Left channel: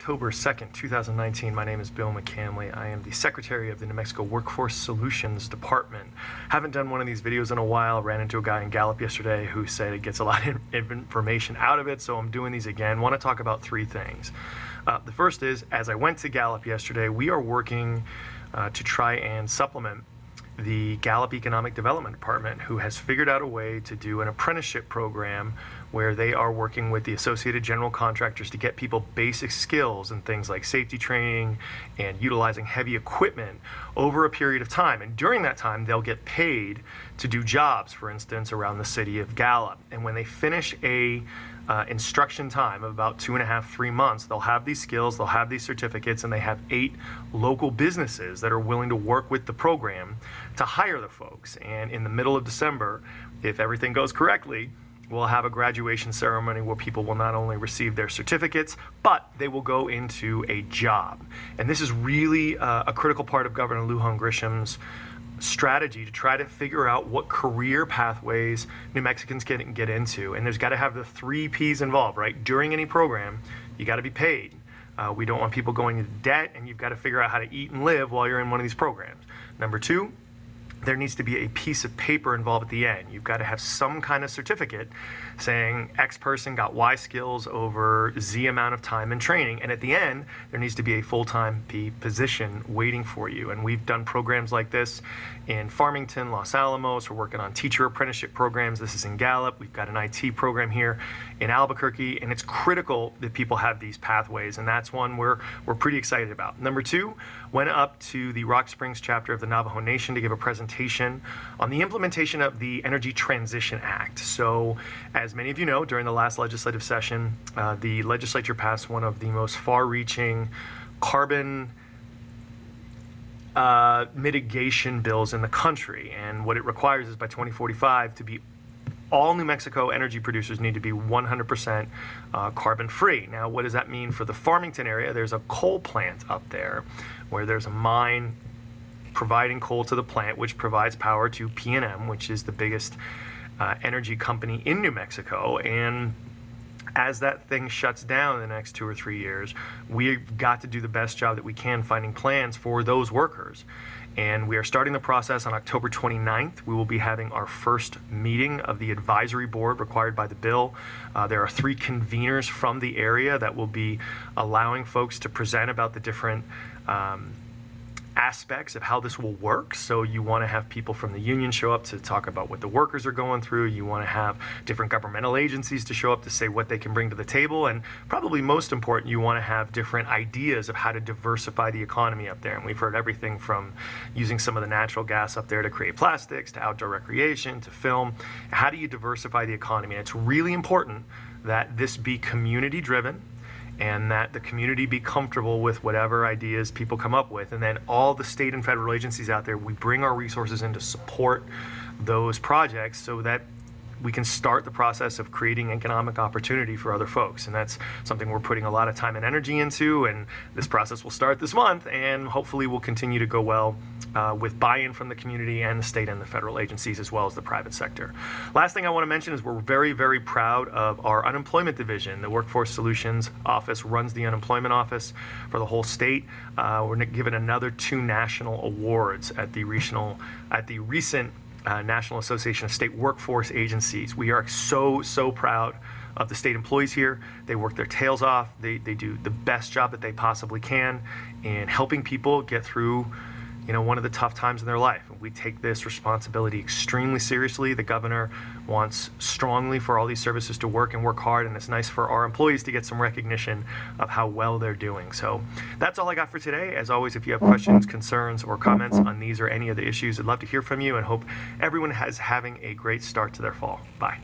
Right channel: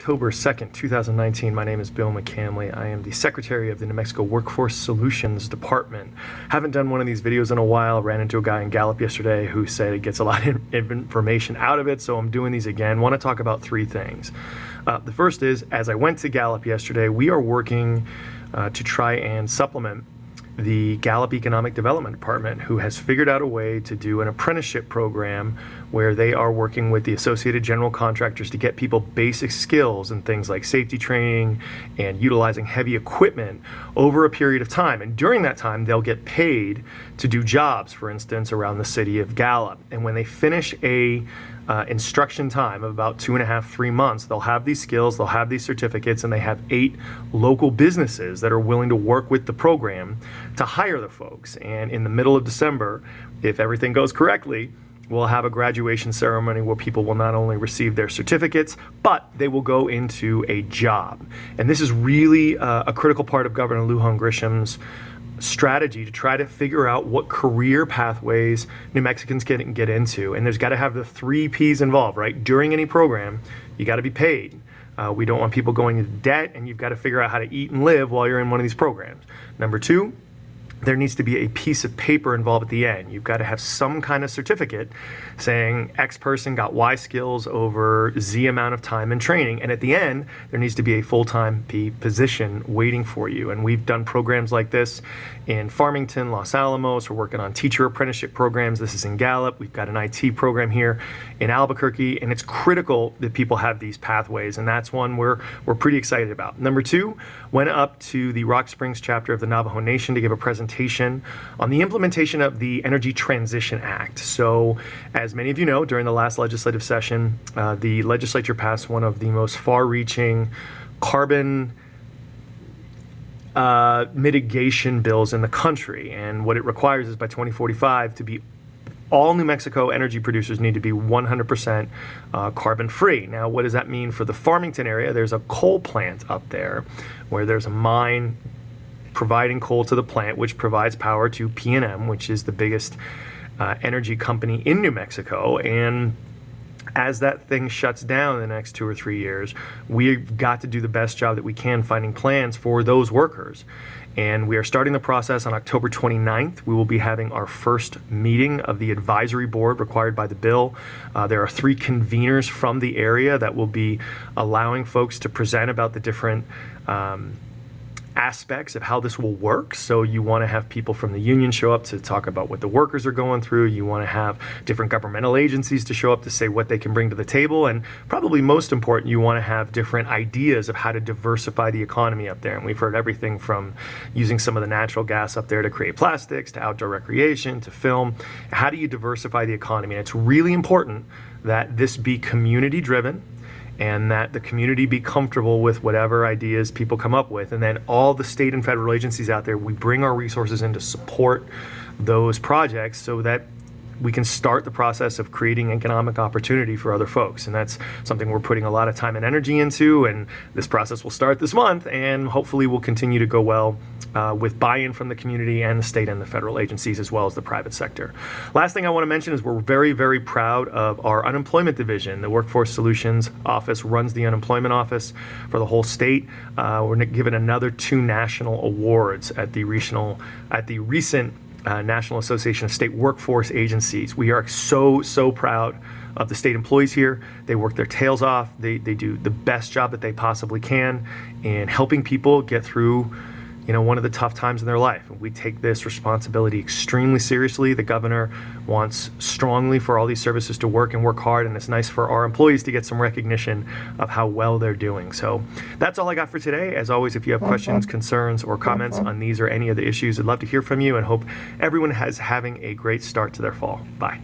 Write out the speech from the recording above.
October 2nd, 2019. My name is Bill McCamley. I am the Secretary of the New Mexico Workforce Solutions Department. Haven't done one of these videos in a while. Ran into a guy in Gallup yesterday who said it gets a lot of information out of it, so I'm doing these again. Want to talk about three things. The first is, as I went to Gallup yesterday, we are working to try and supplement the Gallup Economic Development Department, who has figured out a way to do an apprenticeship program where they are working with the associated general contractors to get people basic skills in things like safety training and utilizing heavy equipment over a period of time. And during that time, they'll get paid to do jobs, for instance, around the city of Gallup. And when they finish a instruction time of about 2.5 to 3 months, they'll have these skills, they'll have these certificates, and they have 8 local businesses that are willing to work with the program to hire the folks. And in the middle of December, if everything goes correctly, we'll have a graduation ceremony where people will not only receive their certificates, but they will go into a job. And this is really a critical part of Governor Lujan Grisham's strategy to try to figure out what career pathways New Mexicans can get into. And there's got to have the 3 P's involved, right? During any program, you got to be paid. We don't want people going into debt, and you've got to figure out how to eat and live while you're in one of these programs. Number 2, there needs to be a piece of paper involved at the end. You've got to have some kind of certificate saying X person got Y skills over Z amount of time and training. And at the end, there needs to be a full-time position waiting for you. And we've done programs like this in Farmington, Los Alamos. We're working on teacher apprenticeship programs. This is in Gallup. We've got an IT program here in Albuquerque, and it's critical that people have these pathways, and that's one we're pretty excited about. Number 2, went up to the Rock Springs chapter of the Navajo Nation to give a presentation on the implementation of the Energy Transition Act. So, as many of you know, during the last legislative session, the legislature passed one of the most far-reaching carbon mitigation bills in the country, and what it requires is by 2045 to be all New Mexico energy producers need to be 100% carbon free. Now, what does that mean for the Farmington area? There's a coal plant up there where there's a mine providing coal to the plant, which provides power to P&M, which is the biggest energy company in New Mexico. And as that thing shuts down in the next 2 or 3 years, we've got to do the best job that we can finding plans for those workers. And we are starting the process on October 29th. We will be having our first meeting of the advisory board required by the bill. There are 3 conveners from the area that will be allowing folks to present about the different aspects of how this will work. So you want to have people from the union show up to talk about what the workers are going through. You want to have different governmental agencies to show up to say what they can bring to the table. And probably most important, you want to have different ideas of how to diversify the economy up there. And we've heard everything from using some of the natural gas up there to create plastics, to outdoor recreation, to film. How do you diversify the economy? And it's really important that this be community driven, and that the community be comfortable with whatever ideas people come up with. And then all the state and federal agencies out there, we bring our resources in to support those projects so that we can start the process of creating economic opportunity for other folks. And that's something we're putting a lot of time and energy into, and this process will start this month, and hopefully will continue to go well with buy-in from the community and the state and the federal agencies, as well as the private sector. Last thing I want to mention is we're very, very proud of our unemployment division. The Workforce Solutions Office runs the unemployment office for the whole state. We're given another 2 national awards at the recent National Association of State Workforce Agencies. We are so proud of the state employees here. They work their tails off. They do the best job that they possibly can in helping people get through one of the tough times in their life. We take this responsibility extremely seriously. The governor wants strongly for all these services to work and work hard, and it's nice for our employees to get some recognition of how well they're doing. So that's all I got for today. As always, if you have questions, concerns, or comments on these or any of the issues, I'd love to hear from you, and hope everyone is having a great start to their fall. Bye.